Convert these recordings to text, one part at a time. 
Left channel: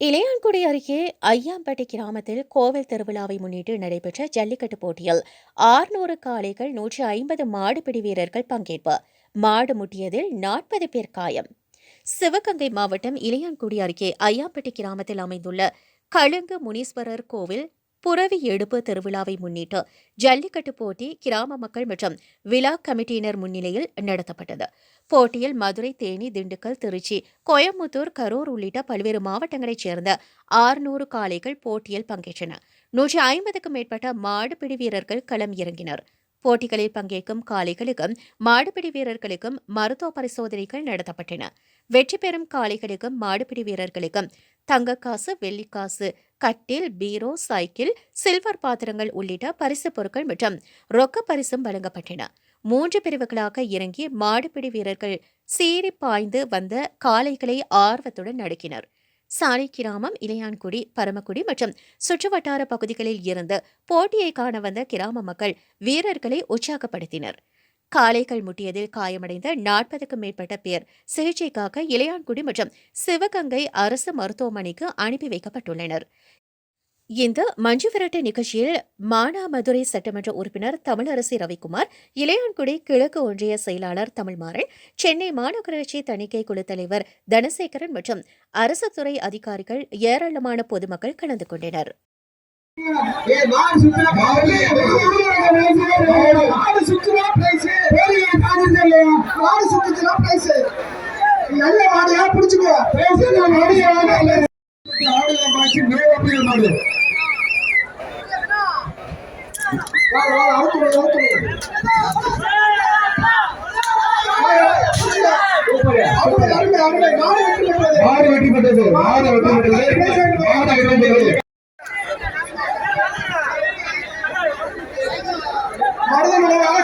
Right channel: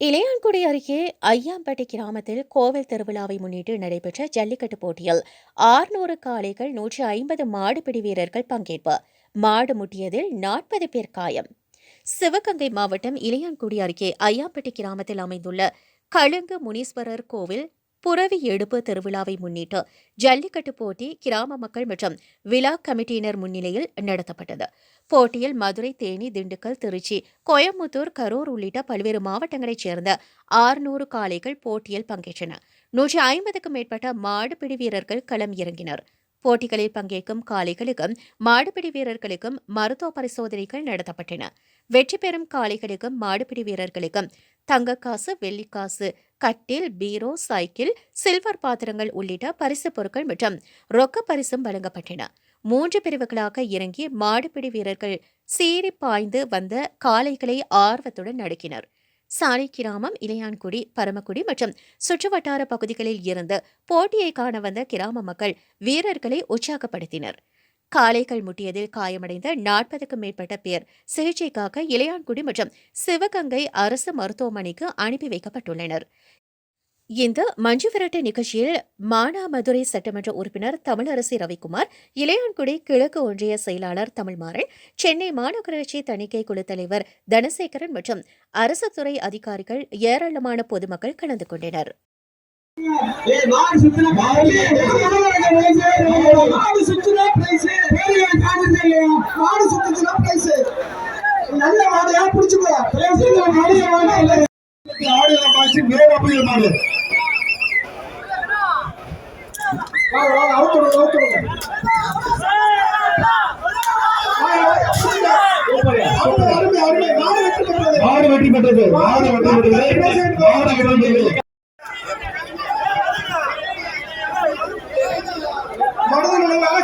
இளையான்குடி அருகே ஐயாம்பட்டி கிராமத்தில் கோவில் திருவிழாவை முன்னிட்டு நடைபெற்ற ஜல்லிக்கட்டு போட்டியில் 600 காளைகள் 150 மாடுபிடி வீரர்கள் பங்கேற்பு. மாடு முட்டியதில் 40 பேர் காயம். சிவகங்கை மாவட்டம் இளையான்குடி அருகே ஐயாம்பட்டி கிராமத்தில் அமைந்துள்ள கழுங்கு முனீஸ்வரர் கோவில் புரவி எடுப்பு திருவிழாவை முன்னிட்டு ஜல்லிக்கட்டு போட்டி கிராம மக்கள் மற்றும் விழா கமிட்டியினர் முன்னிலையில் நடத்தப்பட்டது. போட்டியில் மதுரை, தேனி, திண்டுக்கல், திருச்சி, கோயம்புத்தூர், கரூர் உள்ளிட்ட பல்வேறு மாவட்டங்களைச் சேர்ந்த 600 காளைகள் போட்டியில் பங்கேற்றன. 150க்கும் மேற்பட்ட மாடுபிடி வீரர்கள் களம் இறங்கினர். போட்டிகளில் பங்கேற்கும் காளைகளுக்கும் மாடுபிடி வீரர்களுக்கும் மருத்துவ பரிசோதனைகள் நடத்தப்பட்டன. வெற்றி பெறும் காளைகளுக்கும் மாடுபிடி வீரர்களுக்கும் தங்கக்காசு, வெள்ளிக்காசு, கட்டில், பீரோ, சைக்கிள், சில்வர் பாத்திரங்கள் உள்ளிட்ட பரிசுப் பொருட்கள் மற்றும் ரொக்க பரிசும் வழங்கப்பட்டன. 3 பிரிவுகளாக இறங்கி மாடுபிடி வீரர்கள் சீறி பாய்ந்து வந்த காளைகளை ஆர்வத்துடன் நடுக்கினர். சாலை கிராமம், இளையான்குடி, பரமக்குடி மற்றும் சுற்றுவட்டார பகுதிகளில் இருந்து போட்டியை காண வந்த கிராம மக்கள் வீரர்களை உற்சாகப்படுத்தினர். காளைகள் முட்டியதில் காயமடைந்த 40க்கும் மேற்பட்ட பேர் சிகிச்சைக்காக இளையான்குடி மற்றும் சிவகங்கை அரசு மருத்துவமனைக்கு அனுப்பி வைக்கப்பட்டுள்ளனர். இந்த மஞ்சு விரட்டு நிகழ்ச்சியில் மானாமதுரை சட்டமன்ற உறுப்பினர் தமிழரசி ரவிக்குமார், இளையான்குடி கிழக்கு ஒன்றிய செயலாளர் தமிழ்மாறன், சென்னை மாநகராட்சி தணிக்கை குழு தலைவர் தனசேகரன் மற்றும் அரசு துறை அதிகாரிகள், ஏராளமான பொதுமக்கள் கலந்து கொண்டனர்.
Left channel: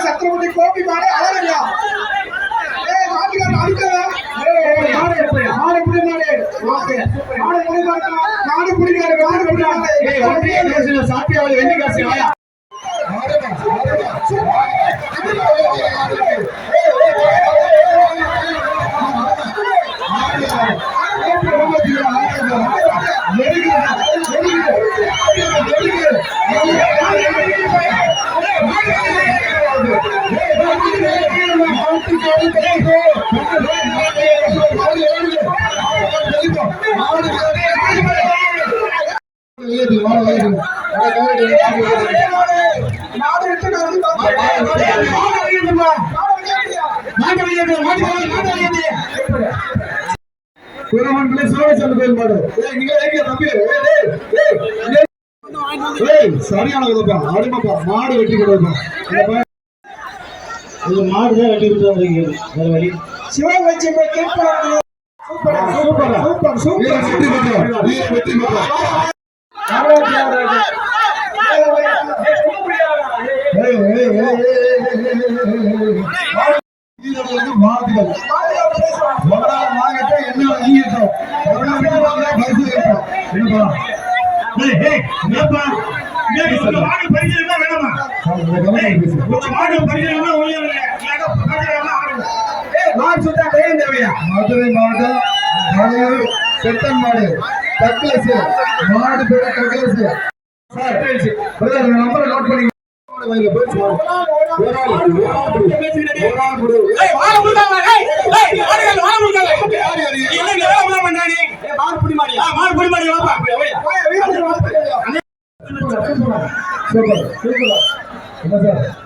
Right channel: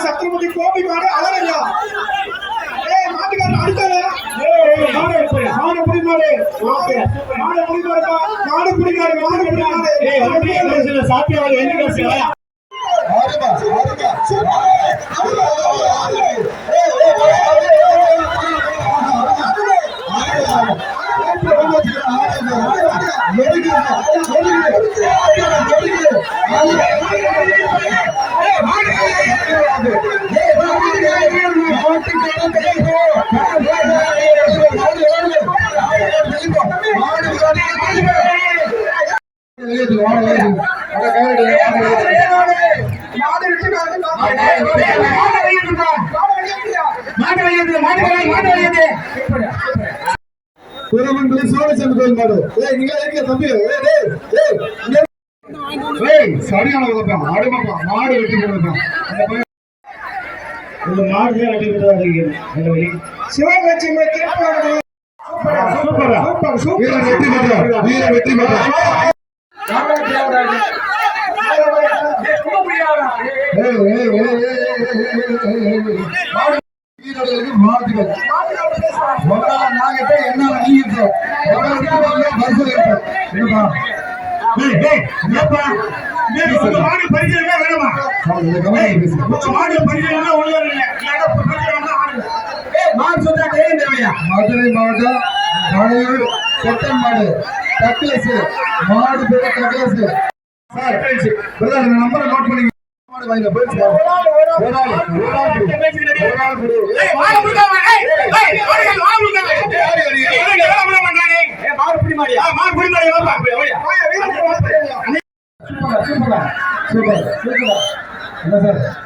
சத்திரபதி கோபி மாடு அழகா சரியான மாடு வெட்டி கொடுப்போம். மாடு வெட்டி கொடுத்து சிவகட்சி வெற்றி மதுரை மாவட்டம் பெட்டன் மாடு டக்ளஸ் மாடு பெற்ற டக்ளஸ் நம்பரை நோட் பண்ணி சூப்பர்.